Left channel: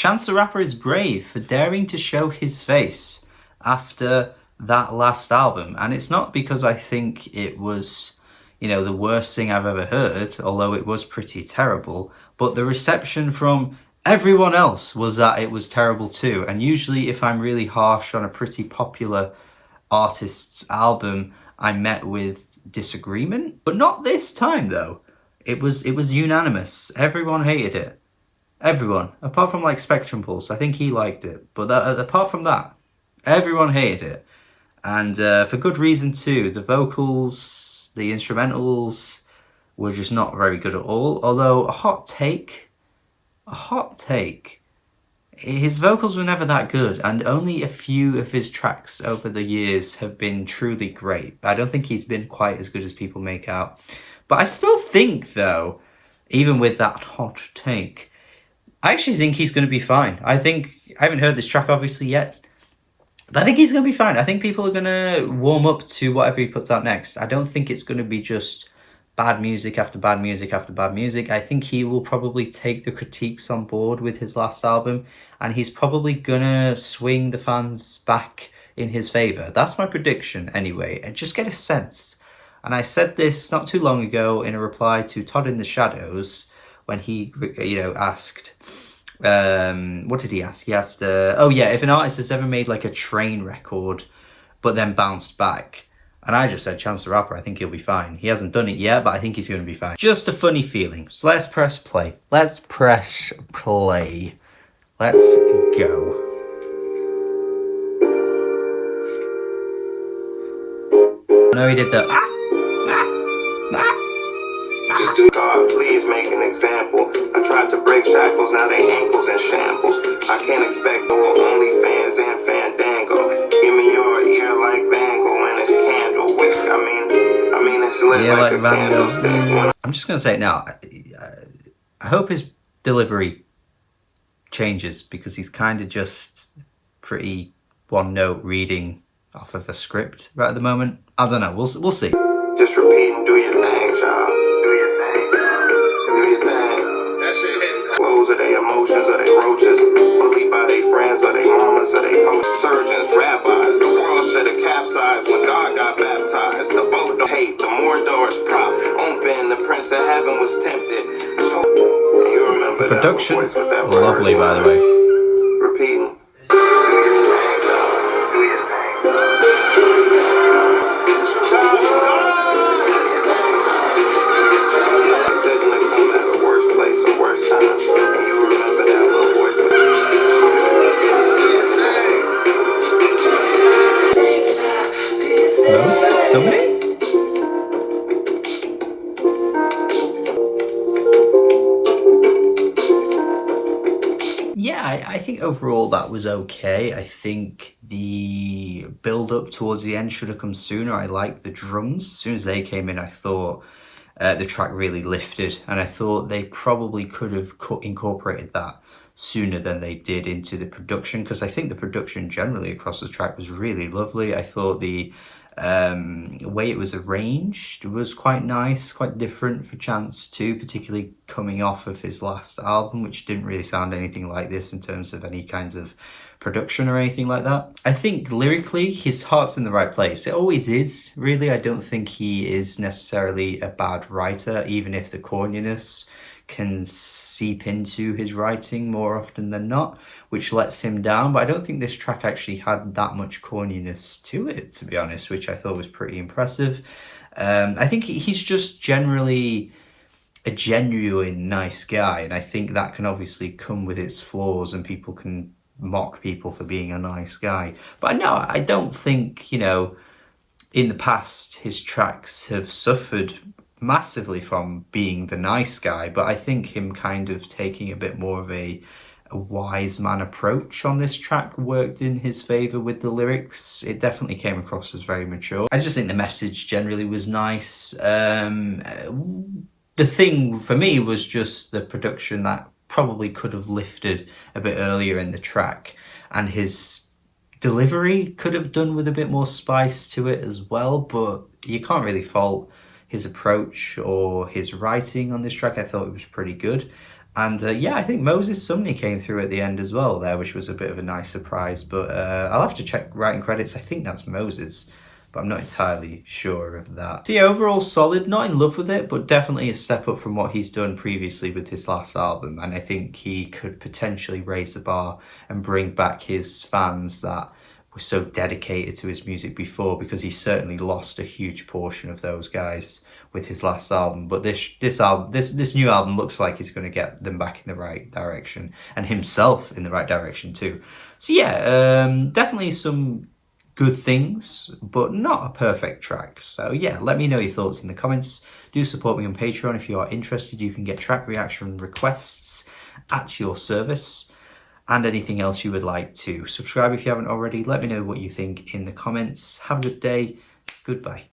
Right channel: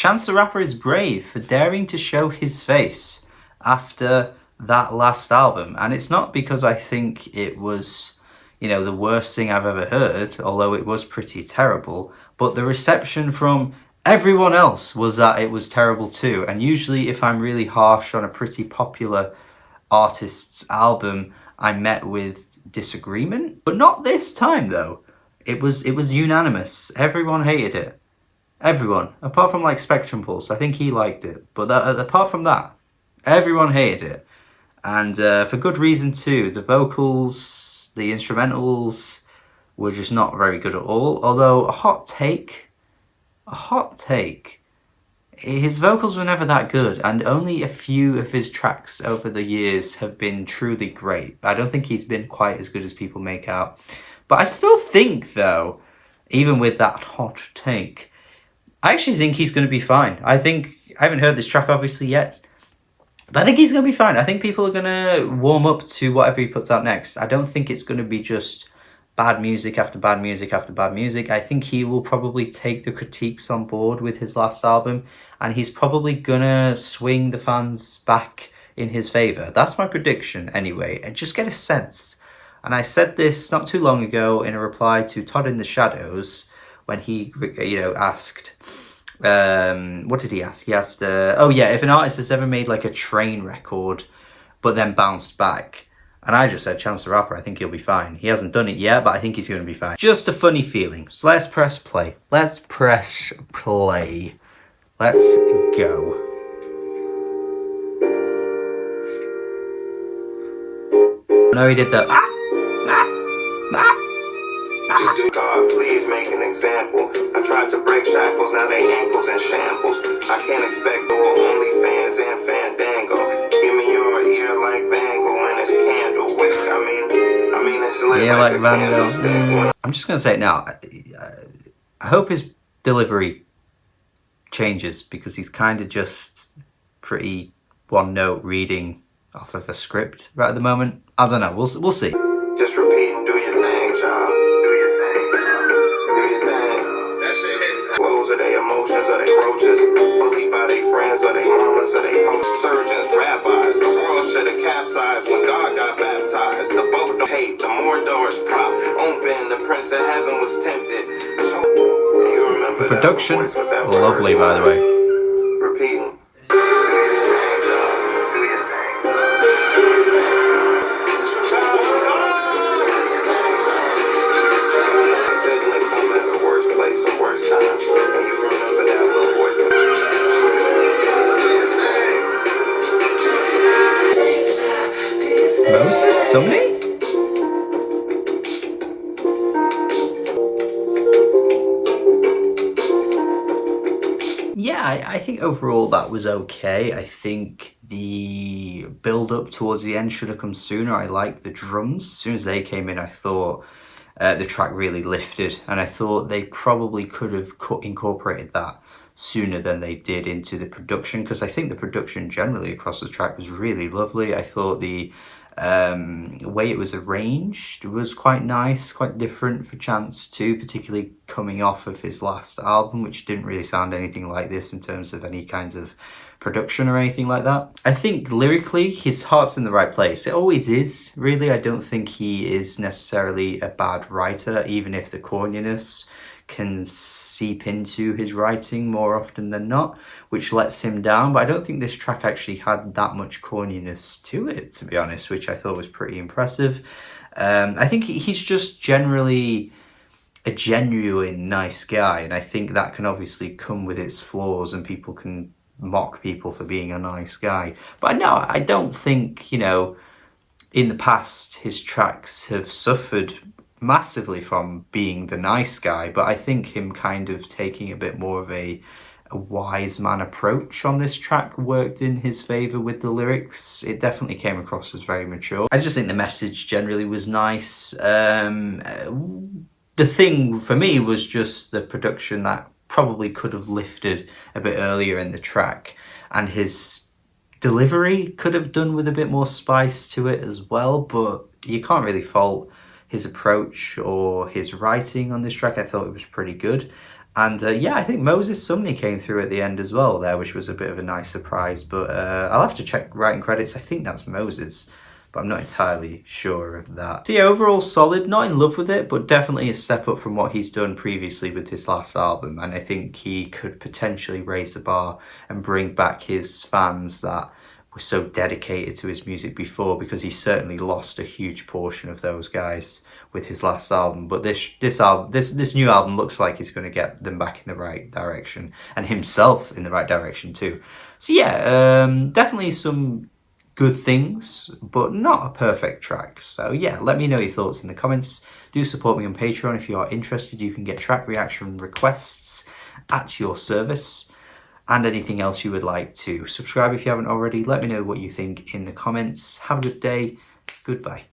Chance the Rapper is brave for daring to show his face after that last album. And it's not because I think it was, the worst thing I've ever heard, although it was pretty terrible, but the reception from everyone else was that it was terrible too. And usually if I'm really harsh on a pretty popular artist's album, I'm met with disagreement, but not this time though. It was unanimous. Everyone hated it. Everyone, apart from like Spectrum Pulse. I think he liked it, but apart from that, everyone hated it, and for good reason too. The vocals, the instrumentals were just not very good at all. Although a hot take, his vocals were never that good, and only a few of his tracks over the years have been truly great. I don't think he's been quite as good as people make out. But I still think though, even with that hot take, I actually think he's going to be fine. I haven't heard this track obviously yet, but I think he's going to be fine. I think people are going to warm up to whatever he puts out next. I don't think it's going to be just bad music after bad music after bad music. I think he will probably take the critiques on board with his last album, and he's probably going to swing the fans back in his favour. That's my prediction anyway. And just get a sense. And I said this not too long ago in a reply to Todd in the Shadows, when he, asked, what did he ask? He asked, if an artist has ever made like a train record, but then bounced back. And I just said, Chance the Rapper, I think he'll be fine. He hasn't done it yet, but I think he's going to be fine. Just a funny feeling. So let's press play. Let's go. No, he did that. Just God, please make an example. I tried to break shackles, now they ankles in shambles. I can't expect no OnlyFans and Fandango. Give me your ear like Van Gogh and his candle with it. I mean, it's lit like Van Gogh. I'm just gonna say it now. I hope his delivery changes, because he's kind of just pretty one note reading off of a script right at the moment. I don't know. We'll see. Just repeat and do your thing, child. Are they emotions, are they roaches? Bullied by their friends, are they mamas, are they coaches? Surgeons, rabbis, the world should have capsized when God got baptized. The boat don't hate, the more doors pop open, the prince of heaven was tempted. You remember the production, lovely by the way. Repeating. Moses? Somebody? Yeah, I think overall that was okay. I think the build-up towards the end should have come sooner. I liked the drums. As soon as they came in, I thought the track really lifted, and I thought they probably could have incorporated that sooner than they did into the production, because I think the production generally across the track was really lovely. I thought the way it was arranged was quite nice, quite different for Chance too, particularly coming off of his last album, which didn't really sound anything like this in terms of any kinds of production or anything like that. I think lyrically his heart's in the right place. It always is, really. I don't think he is necessarily a bad writer, even if the corniness can seep into his writing more often than not, which lets him down. But I don't think this track actually had that much corniness to it, to be honest, which I thought was pretty impressive. I think he's just generally a genuine nice guy, and I think that can obviously come with its flaws, and people can mock people for being a nice guy. But no, I don't think, in the past his tracks have suffered massively from being the nice guy, but I think him kind of taking a bit more of a wise man approach on this track worked in his favor with the lyrics. It definitely came across as very mature. I just think the message generally was nice. The thing for me was just the production that probably could have lifted a bit earlier in the track, and his delivery could have done with a bit more spice to it as well, but you can't really fault his approach or his writing on this track. I thought it was pretty good. And yeah, I think Moses Sumney came through at the end as well there, which was a bit of a nice surprise. But I'll have to check writing credits. I think that's Moses, but I'm not entirely sure of that. So yeah, overall solid. Not in love with it, but definitely a step up from what he's done previously with his last album. And I think he could potentially raise the bar and bring back his fans that were so dedicated to his music before, because he certainly lost a huge portion of those guys with his last album. But this new album looks like it's going to get them back in the right direction, and himself in the right direction too. So yeah, definitely some good things, but not a perfect track. So yeah, let me know your thoughts in the comments. Do support me on Patreon if you are interested. You can get track reaction requests at your service, and anything else you would like to. Subscribe if you haven't already. Let me know what you think in the comments. Have a good day. Goodbye.